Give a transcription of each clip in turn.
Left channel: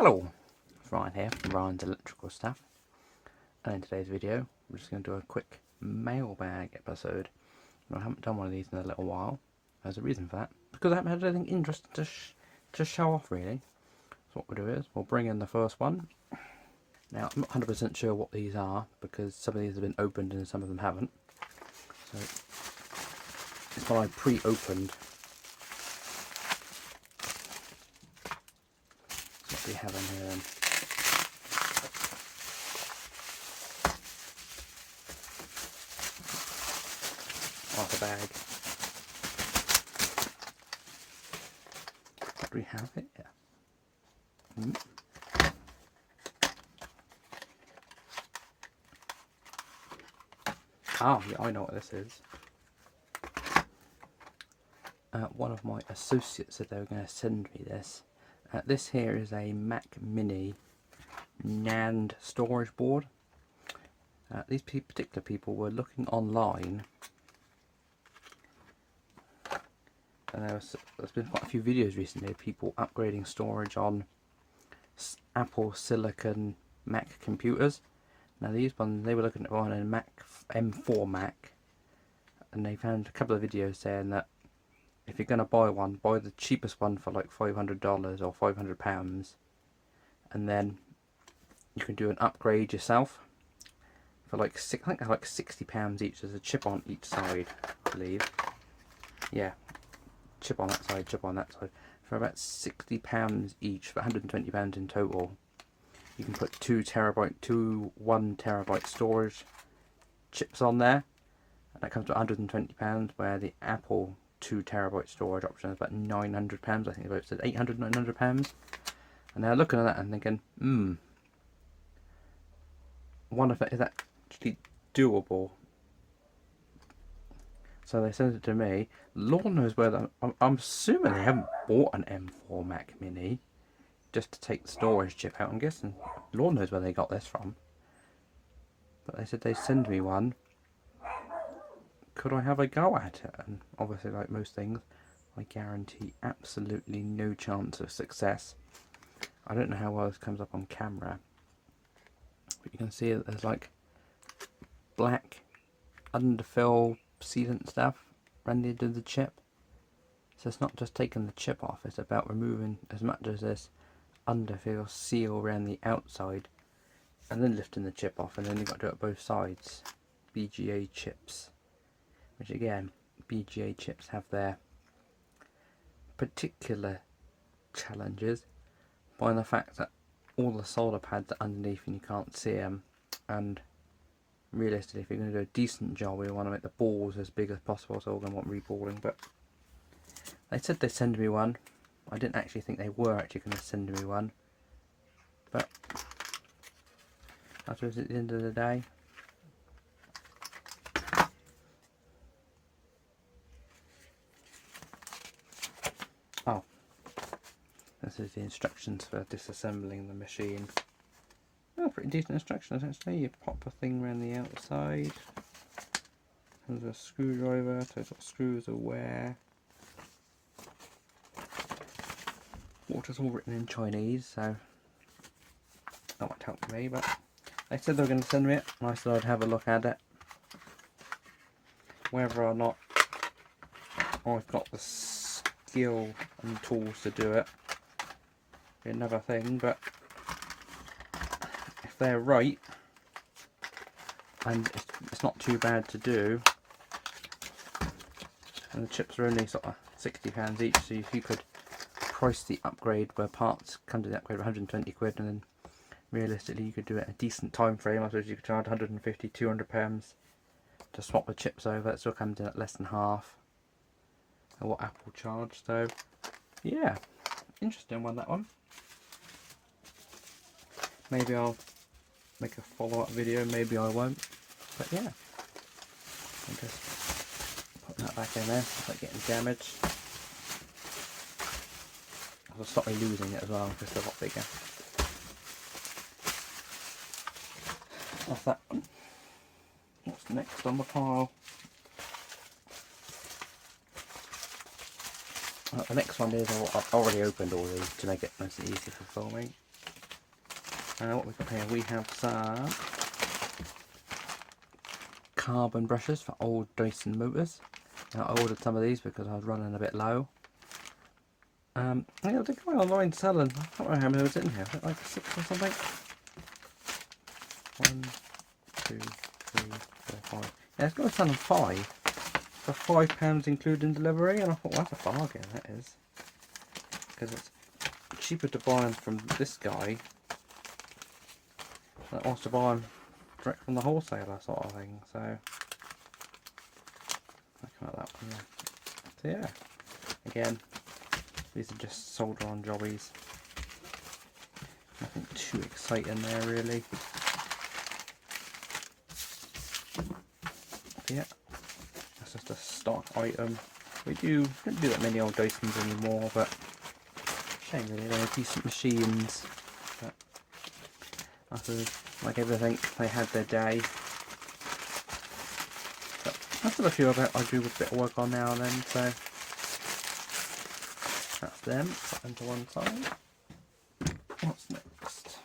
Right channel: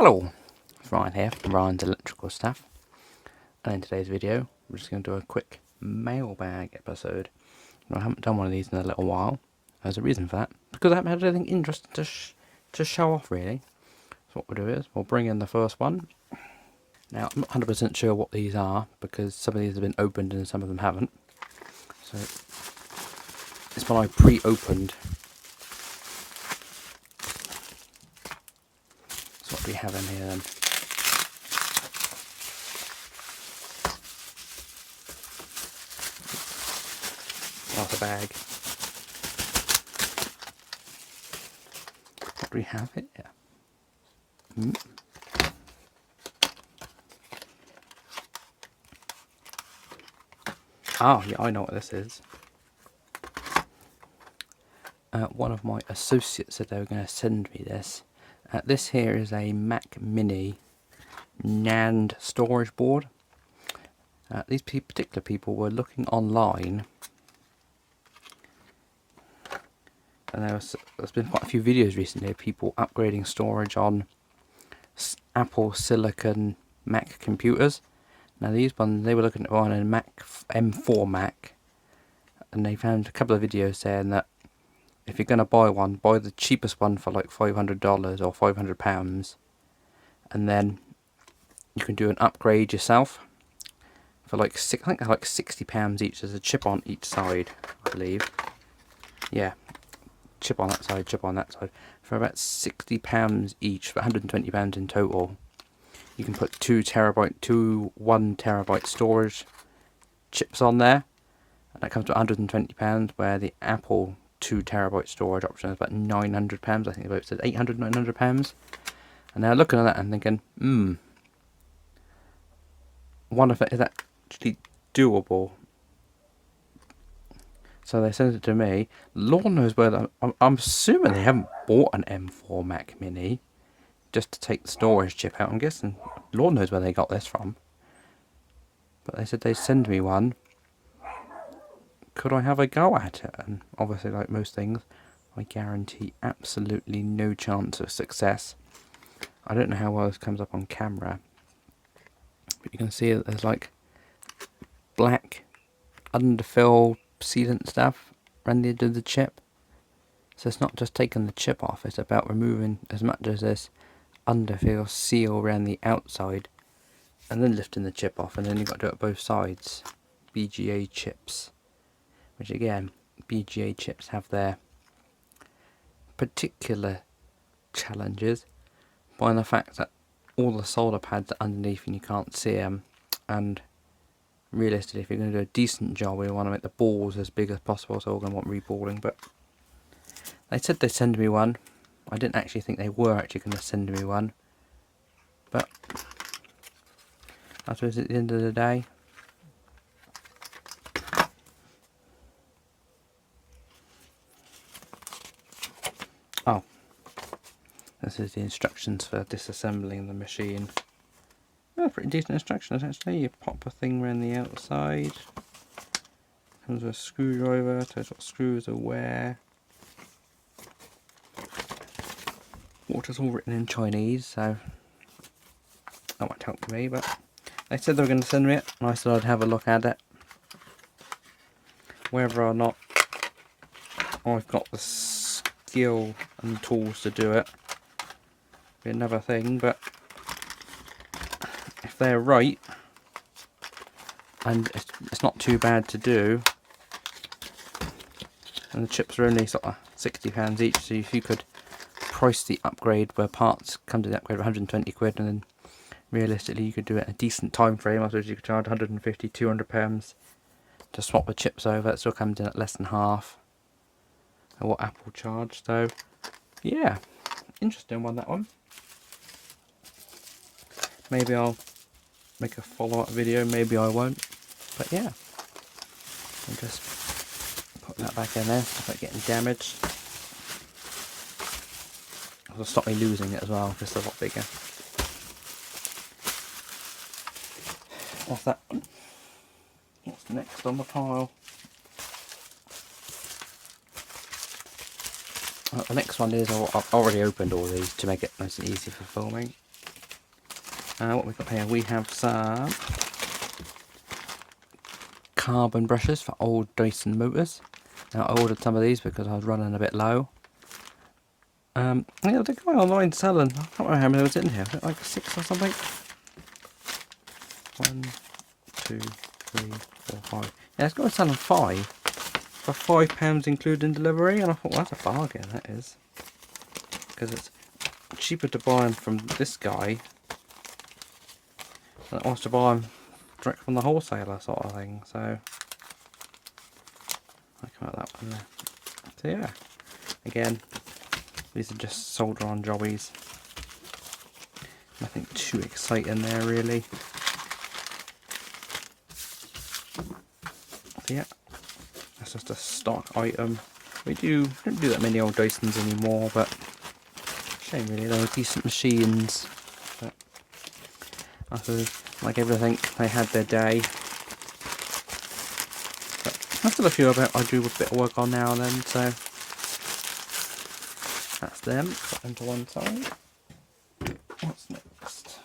Hello, it's Ryan here from Ryan's Electrical Stuff, and in today's video we're just going to do a quick mailbag episode. I haven't done one of these in a little while. There's a reason for that, because I haven't had anything interesting to show off really. So what we'll do is we'll bring in the first one. Now I'm not 100% sure what these are, because some of these have been opened and some of them haven't. So this one I pre-opened. So what do we have in here then? Out the bag. What do we have here? Oh, yeah, I know what this is. One of my associates said they were going to send me this. This here is a Mac Mini NAND storage board. These particular people were looking online, and there's been quite a few videos recently of people upgrading storage on Apple Silicon Mac computers. Now these ones, they were looking at one in Mac M4 Mac, and they found a couple of videos saying that if you're going to buy one, buy the cheapest one for like $500 or £500, and then you can do an upgrade yourself for like I think they're like £60 each. There's a chip on each side, I believe. Yeah, chip on that side, chip on that side, for about £60 each, for £120 in total. You can put 1 terabyte storage chips on there, and that comes to £120, where the Apple 2 terabyte storage option is about £900. I think they both said £800, £900. And now looking at that and thinking, one of it is actually doable. So they sent it to me. Lord knows where. I'm assuming they haven't bought an M4 Mac Mini just to take the storage chip out. I'm guessing Lord knows where they got this from. But they said they'd send me one. Could I have a go at it? And obviously, like most things, I guarantee absolutely no chance of success. I don't know how well this comes up on camera, but you can see that there's like black underfill sealant stuff around the edge of the chip. So it's not just taking the chip off, it's about removing as much as this underfill seal around the outside, and then lifting the chip off, and then you've got to do it both sides. BGA chips, which again, BGA chips have their particular challenges by the fact that all the solder pads are underneath and you can't see them, and realistically, if you're going to do a decent job, we want to make the balls as big as possible, so we're going to want reballing. But they said they'd send me one. I didn't actually think they were actually going to send me one, but I suppose at the end of the day, oh, this is the instructions for disassembling the machine. Oh, pretty decent instructions actually. You pop a thing around the outside. Comes with a screwdriver, tells what screws are where. Water's all written in Chinese, so that won't help me, but they said they were going to send me it, and I said I'd have a look at it. Whether or not I've got the skill and tools to do it be another thing, but if they're right, and it's not too bad to do, and the chips are only sort of £60 each, so if you could price the upgrade where parts come to the upgrade of 120 quid, and then realistically you could do it in a decent time frame. I suppose you could charge 150, 200 pounds to swap the chips over. It still comes in at less than half of what Apple charged. So yeah, interesting one, that one. Maybe I'll make a follow-up video, maybe I won't, but yeah, I'll just put that back in there without getting damaged. It'll stop me losing it as well, because they're a lot bigger. That's that one. What's next on the pile? The next one is, I've already opened all these to make it nice and easy for filming. What we've got here, we have some carbon brushes for old Dyson motors. Now, I ordered some of these because I was running a bit low. Yeah, the guy online selling, I can't remember how many was in here, was it like 6 or something? 1, 2, 3, 4, 5. Yeah, it's got to selling 5 for £5 including delivery, and I thought, well, that's a bargain, that is. Because it's cheaper to buy them from this guy than it was to buy them direct from the wholesaler sort of thing, so I come out that one there. So yeah, again, these are just solder on jobbies. Nothing too exciting there really. So yeah, that's just a stock item. We don't do that many old Dysons anymore, but shame really, they're decent machines. But I suppose, like everything, they had their day. But there's still a few of it I do a bit of work on now and then, so that's them. Put them to one side. What's next?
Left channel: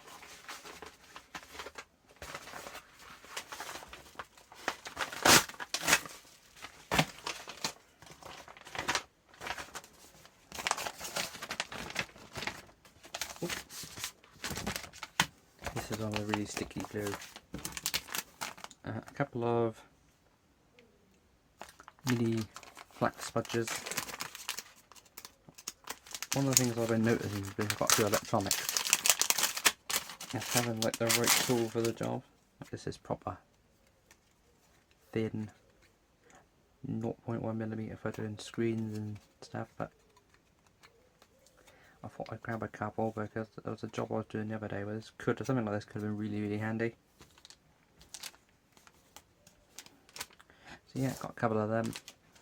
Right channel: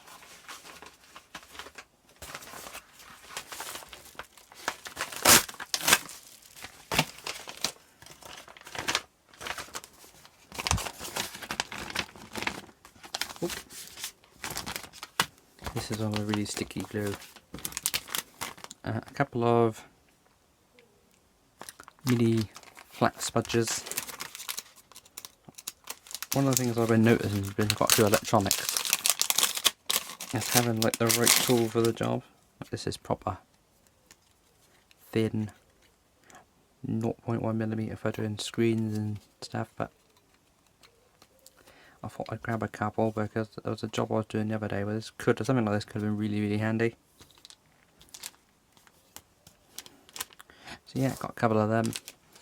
This is all a really sticky glue. A couple of mini flat smudges. One of the things I've been noticing has been quite a few electronics. It's having like the right tool for the job. This is proper thin 0.1mm for doing screens and stuff, but I thought I'd grab a couple because there was a job I was doing the other day where something like this could have been really handy. So yeah, got a couple of them.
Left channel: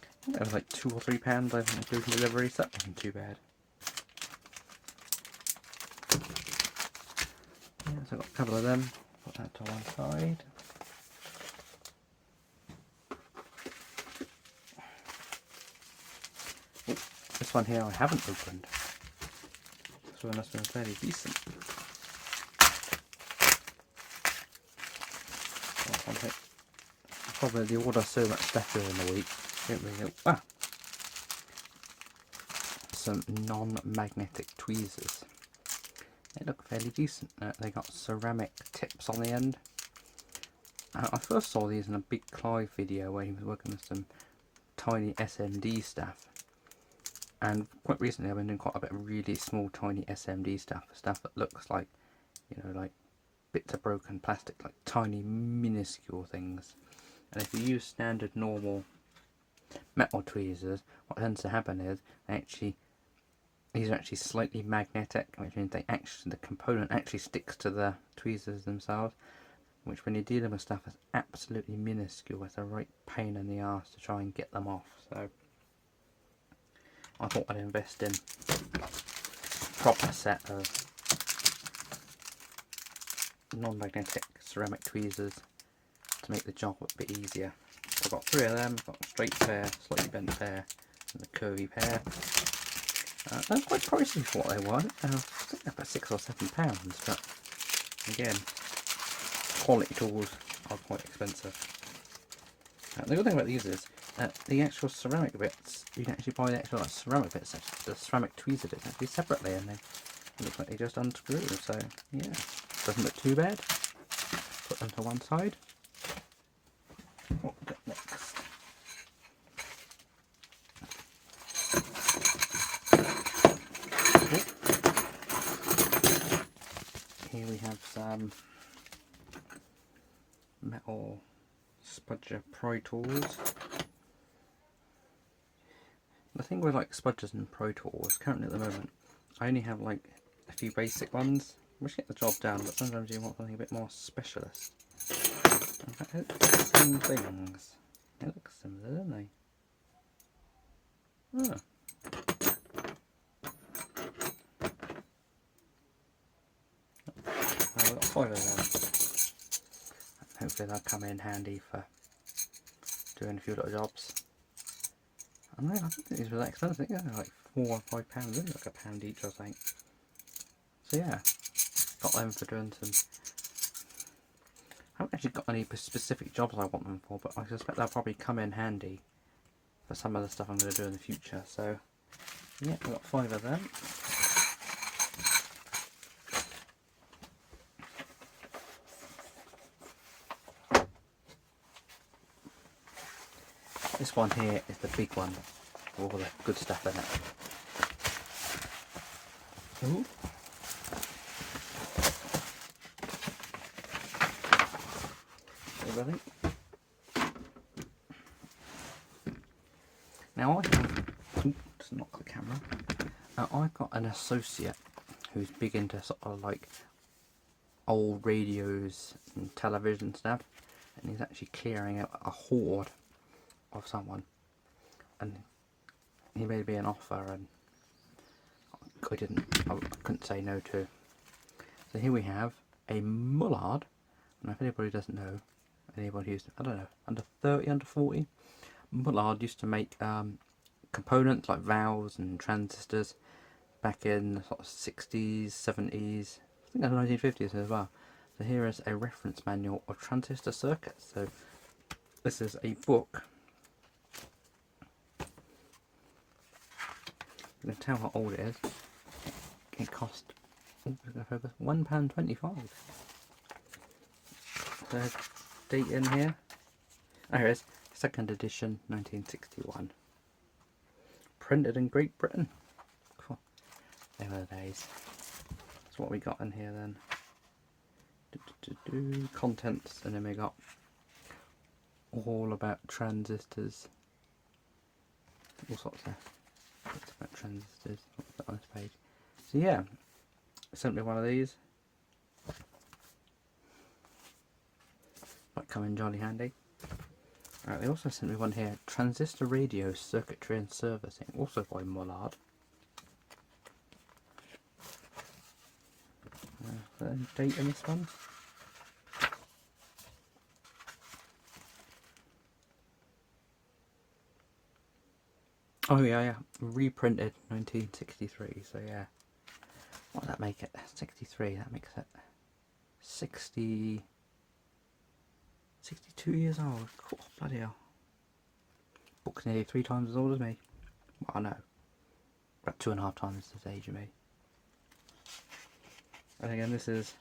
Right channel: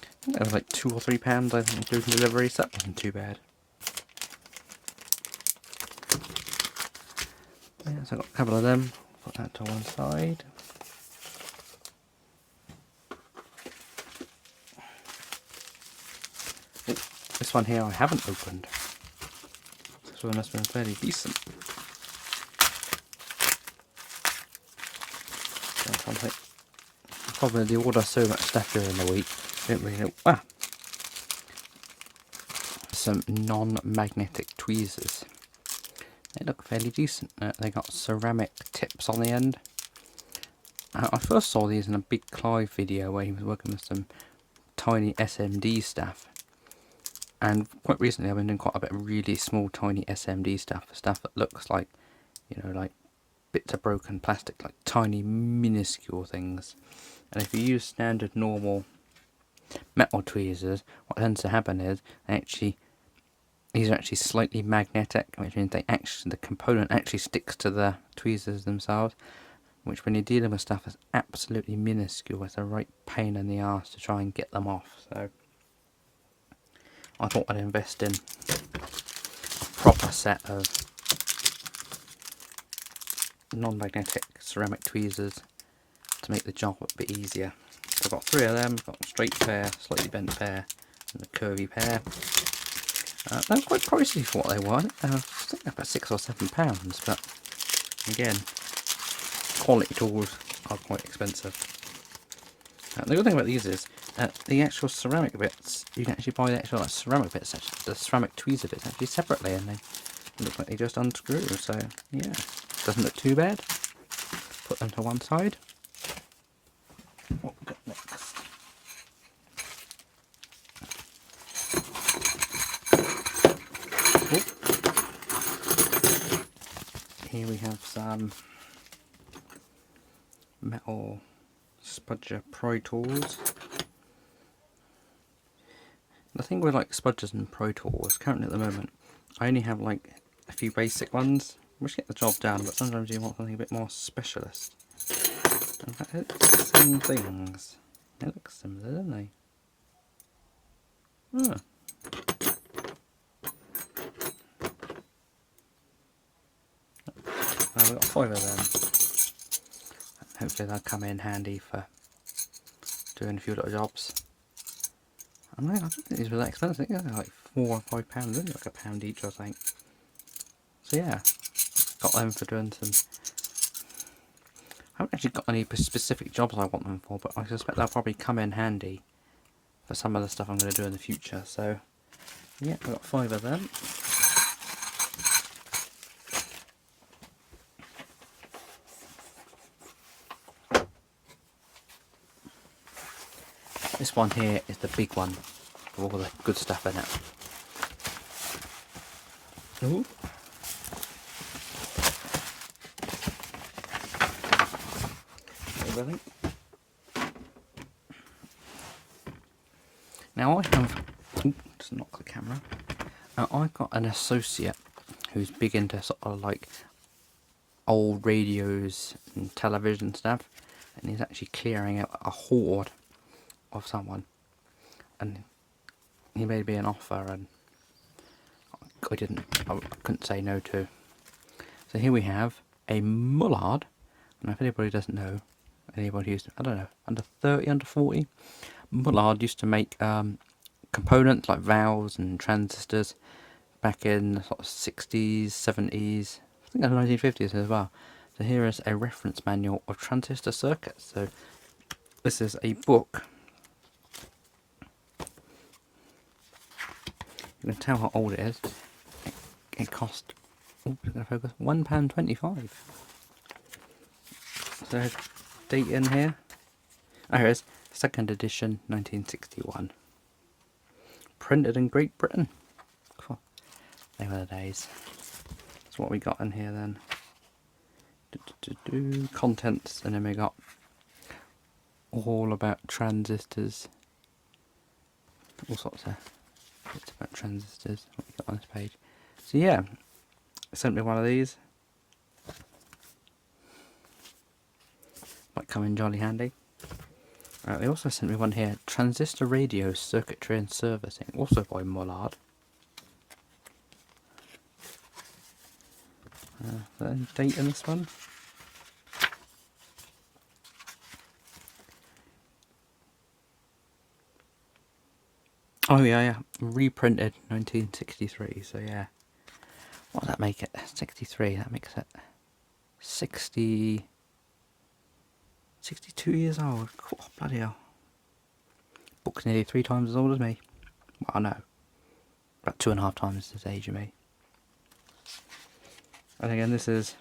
I think they were like £2 or £3, I think, including delivery, so that wasn't too bad. Yeah, so I got a couple of them. Put that to one side. Ooh, this one here I haven't opened. This one has been fairly decent. Probably order so much stuff during the week. Don't really know. Some non-magnetic tweezers. They look fairly decent. They got ceramic tips on the end. I first saw these in a Big Clive video where he was working with some tiny SMD stuff. And quite recently I've been doing quite a bit of really small tiny SMD stuff that looks like, you know, like bits of broken plastic, like tiny minuscule things. And if you use standard normal metal tweezers, what tends to happen is these are actually slightly magnetic, which means the component actually sticks to the tweezers themselves, which when you're dealing with stuff that's absolutely minuscule, it's a right pain in the arse to try and get them off. So I thought I'd invest in a proper set of non-magnetic ceramic tweezers to make the job a bit easier. So I've got 3 of them. I've got a straight pair, slightly bent pair, and a curvy pair. They're quite pricey for what they were. Something about £6 or £7, but again, quality tools are quite expensive. The good thing about these is the actual ceramic bits, you can actually buy the actual ceramic bits, the ceramic tweezer bits actually separately, and they look like they just unscrew. So yeah, doesn't look too bad. Put them to one side. What we got next? Here we have some metal spudger Pro Tools. The thing with like spudgers and Pro Tools currently at the moment, I only have like a few basic ones which get the job done, but sometimes you want something a bit more specialist. In fact, it's the same things. They look similar, don't they? Oh. I've got 5 of them. Hopefully they'll come in handy for doing a few little jobs. I don't think these were that expensive. I think they're like £4 or £5, isn't it? Like £1 each, I think. So yeah, got them for doing some... I haven't actually got any specific jobs I want them for, but I suspect they'll probably come in handy for some of the stuff I'm going to do in the future. So, yeah, I've got 5 of them. This one here is the big one with all the good stuff in it. Ooh. Everything. Now I have, just knock the camera. Now I've got an associate who's big into sort of like old radios and television stuff, and he's actually clearing out a hoard of someone, and he made me an offer, and I couldn't say no to. So here we have a Mullard, and if anybody doesn't know, anybody who's, I don't know, under 30, under 40, Mullard used to make components like valves and transistors back in the sort of 60s, 70s, I think the 1950s as well. So here is a reference manual of transistor circuits. So this is a book. You can tell how old it is. It cost, £1.25. So date in here. Oh, here it is. 2nd edition, 1961. Printed in Great Britain. Cool. They were the days. That's what we got in here then. Contents, and then we got all about transistors. All sorts of bits about transistors. What we got on this page. So yeah, sent me one of these. Might come in jolly handy. They also sent me one here, Transistor Radio Circuitry and Servicing, also by Mullard. Is there any date in this one? Oh yeah, reprinted 1963, so yeah. What does that make it? 63, that makes it 62 years old. Oh, bloody hell. Book's nearly 3 times as old as me. Well, no. About 2.5 times his age of me. And again, this is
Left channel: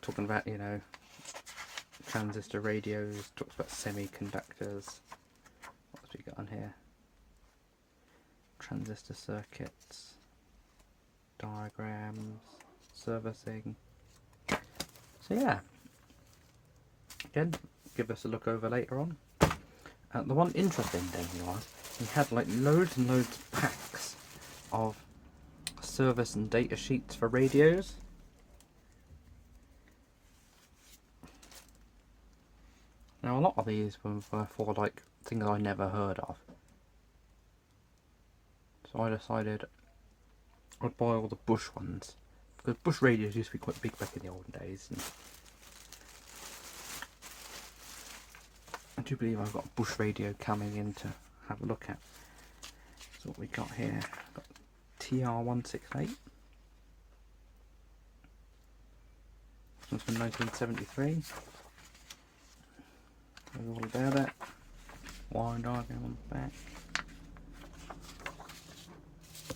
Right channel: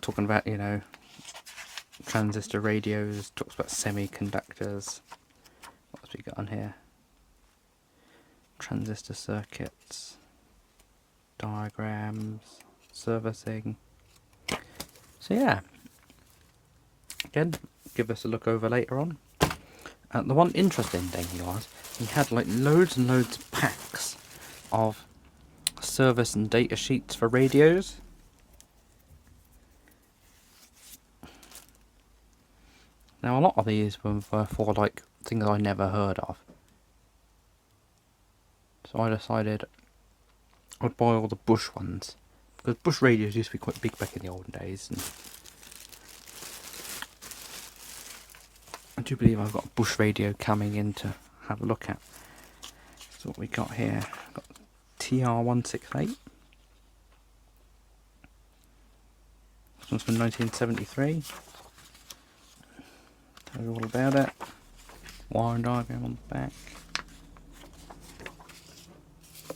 talking about, you know, transistor radios, talks about semiconductors. What else we got on here? Transistor circuits, diagrams, servicing. So yeah. Again, give us a look over later on. The one interesting thing was, he had like loads and loads of packs of service and data sheets for radios. Now a lot of these were for like things I never heard of. So I decided I'd buy all the Bush ones, because Bush radios used to be quite big back in the olden days. And I do believe I've got a Bush radio coming in to have a look at. So what we got here, got TR168. This one's from 1973. Tell you all about it. Wiring diagram on the back.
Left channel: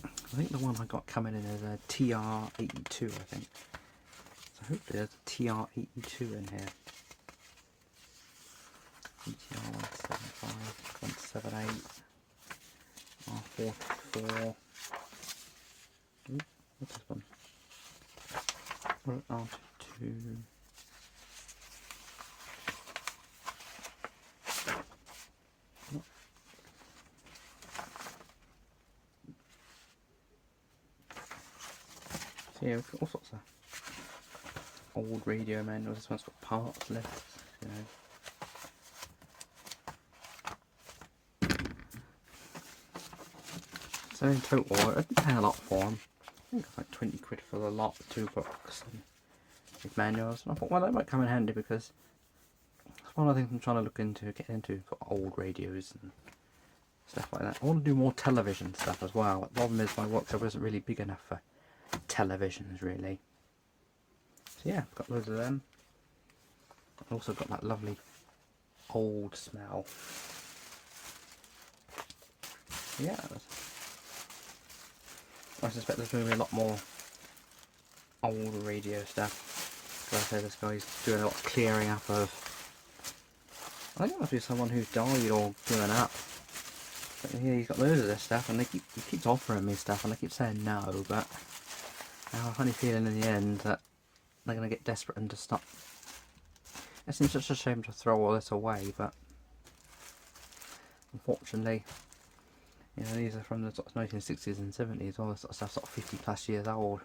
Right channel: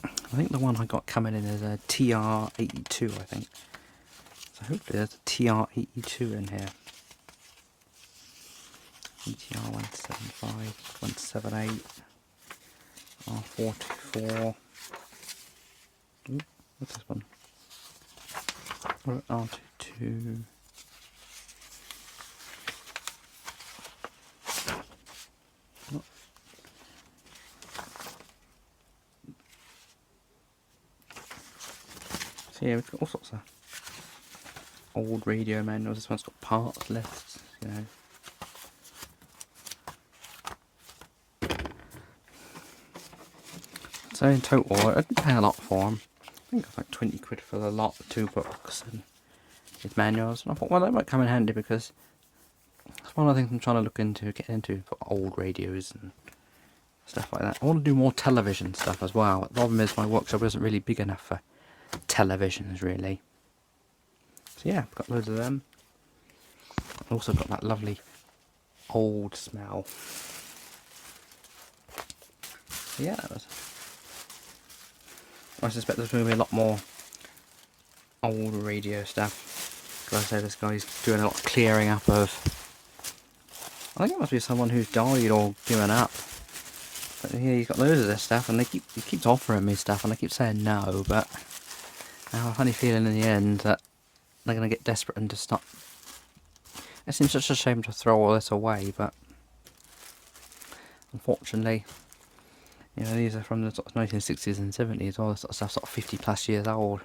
I think the one I got coming in is a TR82, I think. So hopefully there's a TR82 in here. TR175, 178, R44. Ooh, what's this one? R22. So yeah, we've got all sorts of old radio manuals. This one's got parts lists, you know. So in total, I didn't pay a lot for them. I think it was like 20 quid for the lot, 2 books and his manuals. And I thought, well, that might come in handy, because it's one of the things I'm trying to look into, get into for old radios and stuff like that. I want to do more television stuff as well. The problem is my workshop isn't really big enough for televisions, really. So yeah, I've got loads of them. Also got that lovely old smell. Yeah, I suspect there's going to be a lot more old radio stuff. Because I say this guy's doing a lot of clearing up of. I think it must be someone who's died or given up. But yeah, he's got loads of this stuff, and he keeps offering me stuff, and I keep saying no. But I have a funny feeling in the end that they're going to get desperate and just stop. It seems such a shame to throw all this away, but unfortunately, you know, these are from the sort of 1960s and 70s. All this sort of stuff, sort of 50 plus years old.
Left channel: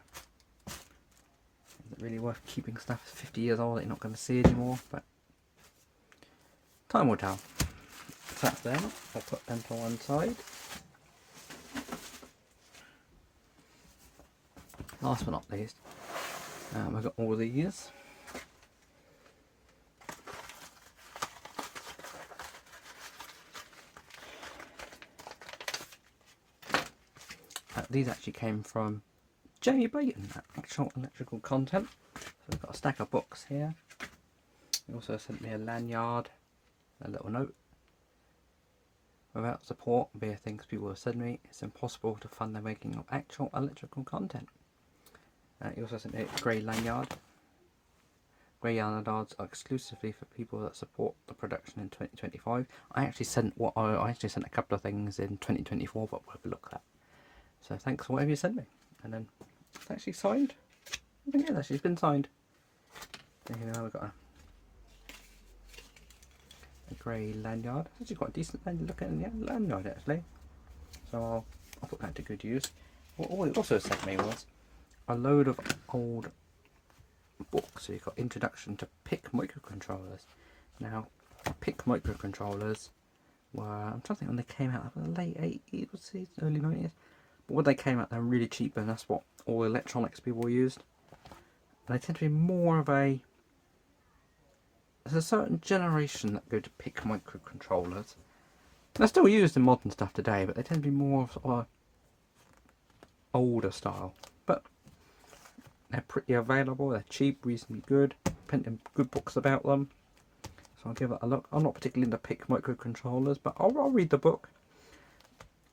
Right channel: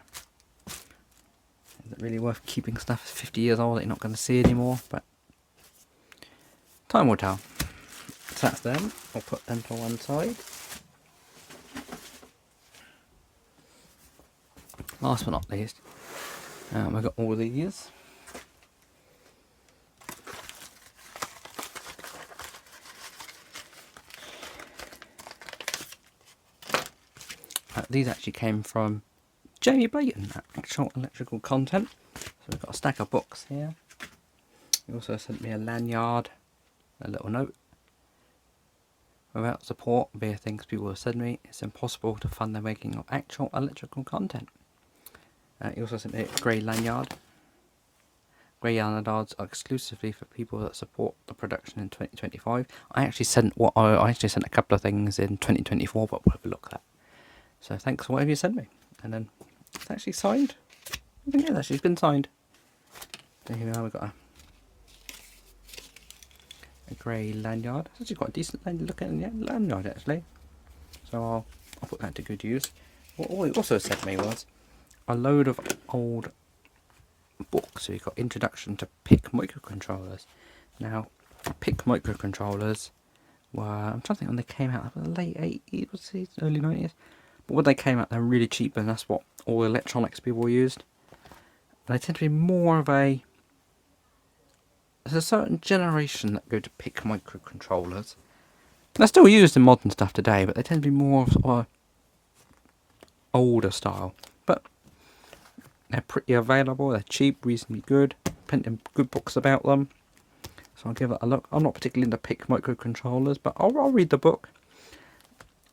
Is it really worth keeping stuff 50 years old that you're not going to see anymore? But time will tell. So that's them. I'll put them to one side. Last but not least, I've got all these. These actually came from Jamie Blayton at Actual Electrical Content. So we've got a stack of books here. He also sent me a lanyard, a little note. Without support via things people have said to me, it's impossible to fund the making of actual electrical content. He also sent me a grey lanyard. Grey lanyards are exclusively for people that support the production in 2025. I actually sent a couple of things in 2024, but we'll have a look at that. So thanks for whatever you sent me. And then it's actually signed. I think it's been signed. There you go, we've got a grey lanyard. It's actually quite a decent looking lanyard actually. So I'll put that to good use. What he also sent me was a load of old books. So you've got Introduction to PIC Microcontrollers. Now, PIC microcontrollers were, I'm trying to think when they came out, the late 80s, early 90s. But when they came out, they were really cheap, and that's what all electronics people used. And they tend to be more of a... There's a certain generation that go to PIC microcontrollers. They're still used in modern stuff today, but they tend to be more of a older style. But they're pretty available, they're cheap, reasonably good. Plenty of good books about them. So I'll give it a look. I'm not particularly into PIC microcontrollers, but I'll read the book.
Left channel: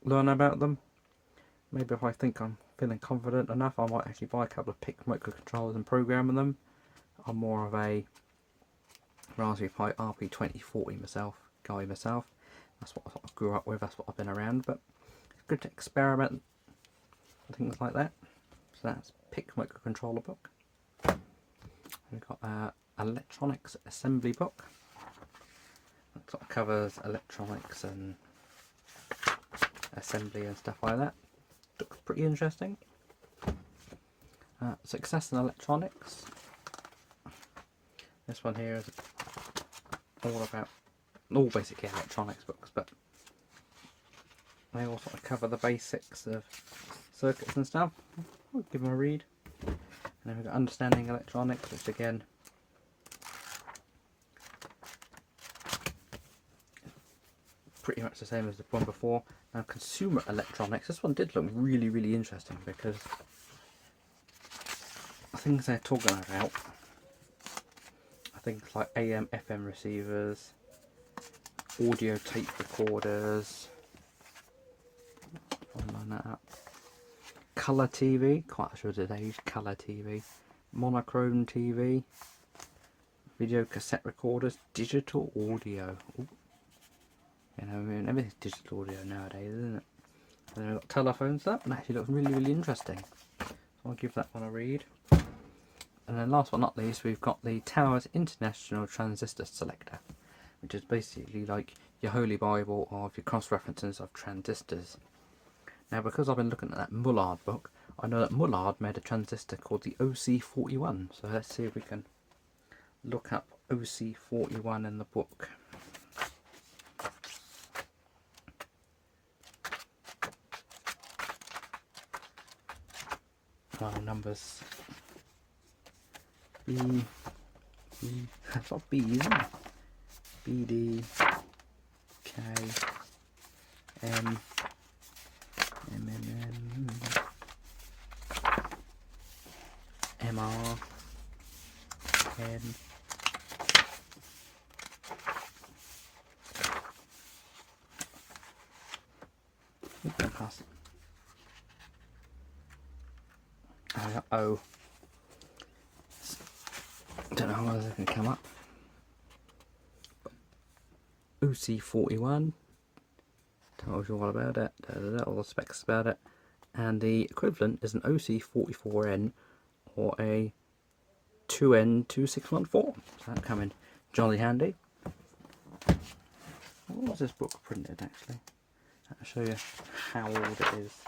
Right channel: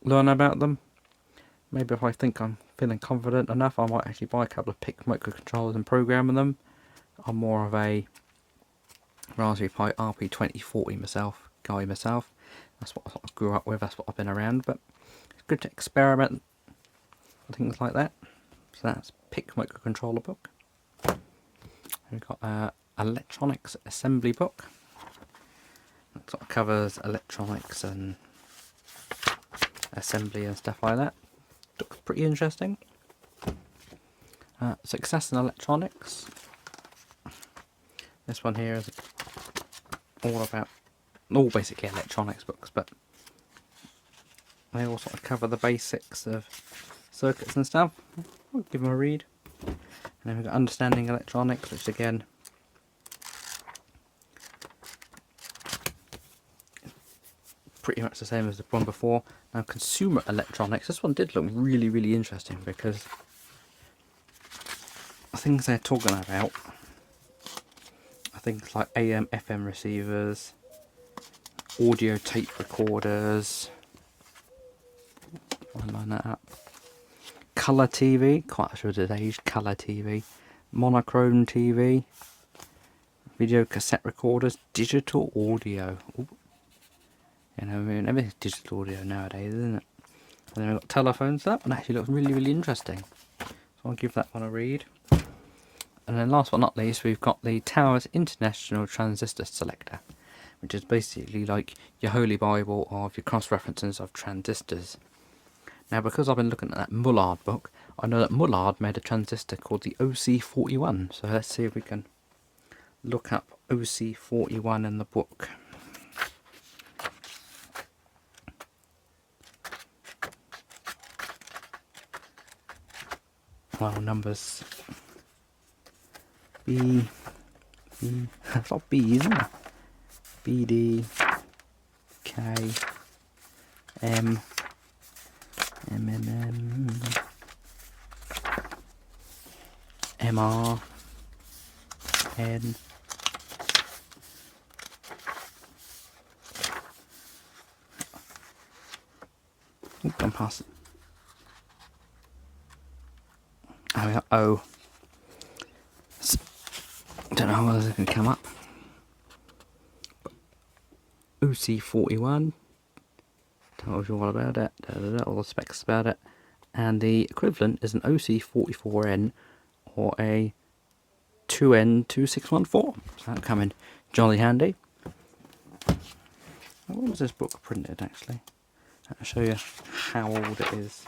Learn about them. Maybe if I think I'm feeling confident enough, I might actually buy a couple of PIC microcontrollers and program them. I'm more of a Raspberry Pi RP2040 guy myself. That's what I sort of grew up with, that's what I've been around, but it's good to experiment with things like that. So that's PIC microcontroller book. We've got an electronics assembly book. That sort of covers electronics and assembly and stuff like that. Looks pretty interesting. Success in Electronics. This one here is all basically electronics books, but they all sort of cover the basics of circuits and stuff. I'll give them a read. And then we've got Understanding Electronics, which again pretty much the same as the one before. Now Consumer Electronics, this one did look really, really interesting because the things they're talking about are things like AM, FM receivers, audio tape recorders, I'll line that up. Colour TV, quite sure today's colour TV, monochrome TV, video cassette recorders, digital audio. Ooh. You know, I mean, everything's digital audio nowadays, isn't it? And then we've got telephones. That one actually looks really, really interesting. So I'll give that one a read. And then last but not least, we've got the Towers International Transistor Selector, which is basically like your holy bible of your cross-references of transistors. Now, because I've been looking at that Mullard book, I know that Mullard made a transistor called the OC41. So let's see if we can look up OC41 in the book. Well, numbers. It's not B, isn't it? B, D, K, M, M, M, M, M, R, pen. Gone past. Oh, yeah. Oh. Don't know how well it's going to come up. OC41. Tells you all about it. All the specs about it. And the equivalent is an OC44N or a 2N2614. So that'll come in jolly handy. When was this book printed actually? I'll show you how old it is.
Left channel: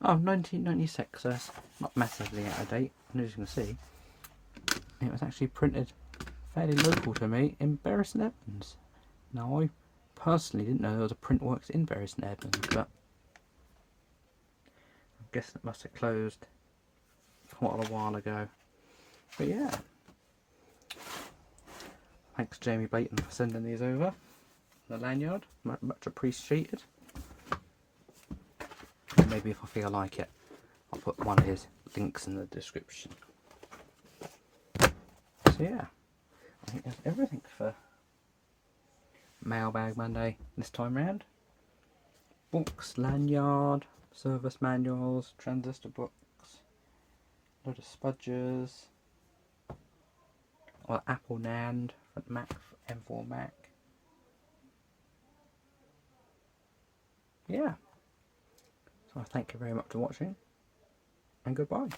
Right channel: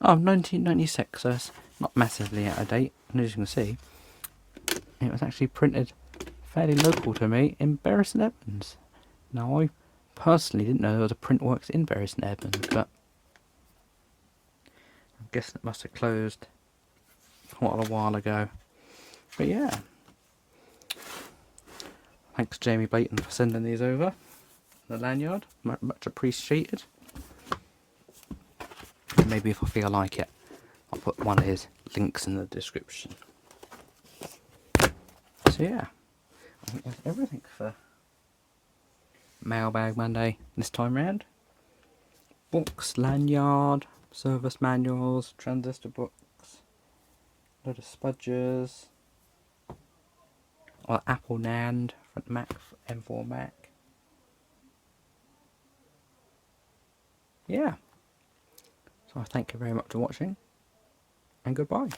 Oh, 1996, so it's not massively out of date. And as you can see, it was actually printed fairly local to me in Bury St Edmunds. Now, I personally didn't know there was a print works in Bury St Edmunds, but I guess it must have closed quite a while ago. But yeah, thanks Jamie Blayton for sending these over. The lanyard, much appreciated. Maybe if I feel like it, I'll put one of his links in the description. So yeah, I think that's everything for Mailbag Monday this time round. Books, lanyard, service manuals, transistor books, a load of spudgers, or Apple NAND for Mac, M4 Mac. Yeah. So I thank you very much for watching, and goodbye.